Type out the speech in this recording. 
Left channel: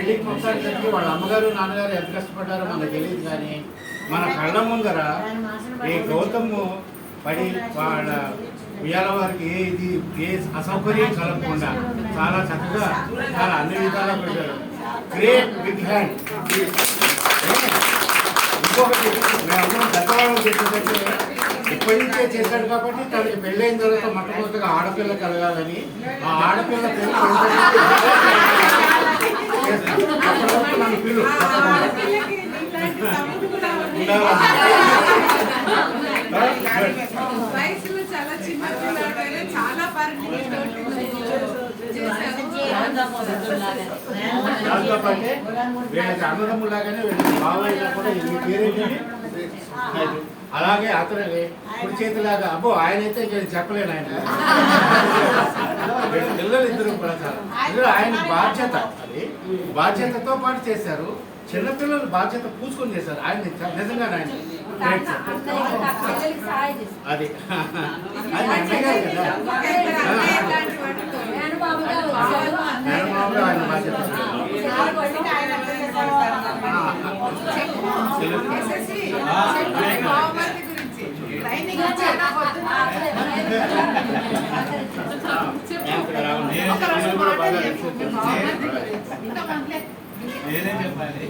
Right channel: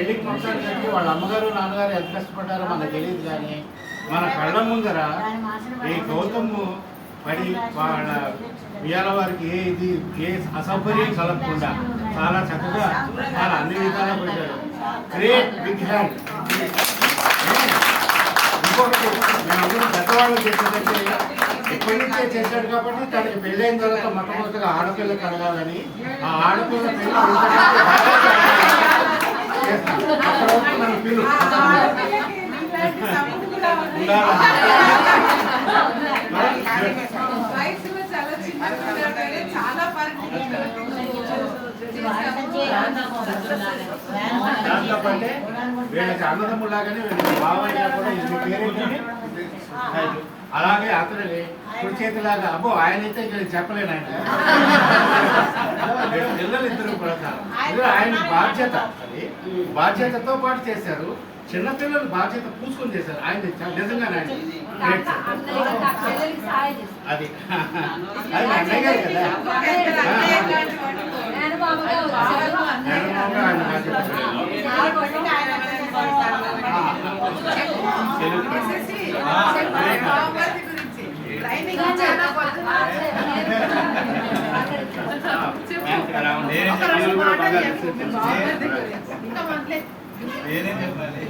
పెళ్లికి మొత్తానికి వాళ్ళ అమ్మగారు నాన్నగారు ఎంత కష్టపడ్డారో మనకు తెలియదు. కానీ మన కళ్ళ ముందర ఈ గౌతమ్ పడి వాళ్ళ ఇవాళ వారికి ఏ అసౌకర్యం కలగకుండా చాలా చక్కగా చాలా అన్ని విధాలా పెట్టారు. Great big hand. ఇంకొకటి మేమందరం గతవాళ్ళం చేసేదంటే ఇప్పటి నుంచే చేశాడు కాబట్టి తనకి పెళ్ళైన తర్వాత మొట్టమొదటిగా ఆడపిల్ల కలగాలని ఆ ఆడపిల్ల పిల్ల నన్ను పిల్లు దాంతో పాటే వీళ్ళకి అన్నదమ్ములాగానే వీళ్ళకి బావైనా కూడా అలాగే అతని కుడి చేతిలాగా అబ్బో ఆయన అయితే ఇక్కడ చెప్పలేను. ఆయన పిల్లలు ఇద్దరు ఆయన బాధ్యత, అది బాధ్యతతో పాటు చేశారు. చిన్నపిల్లలు బాధ్యత పూసుకొని చేశారు. ఆయన నిజంగా ఆయన అది అది అన్నయ్య గారు కదా, మేనమామగా ఆయన బాధ్యత. నేనే చెప్పాలి.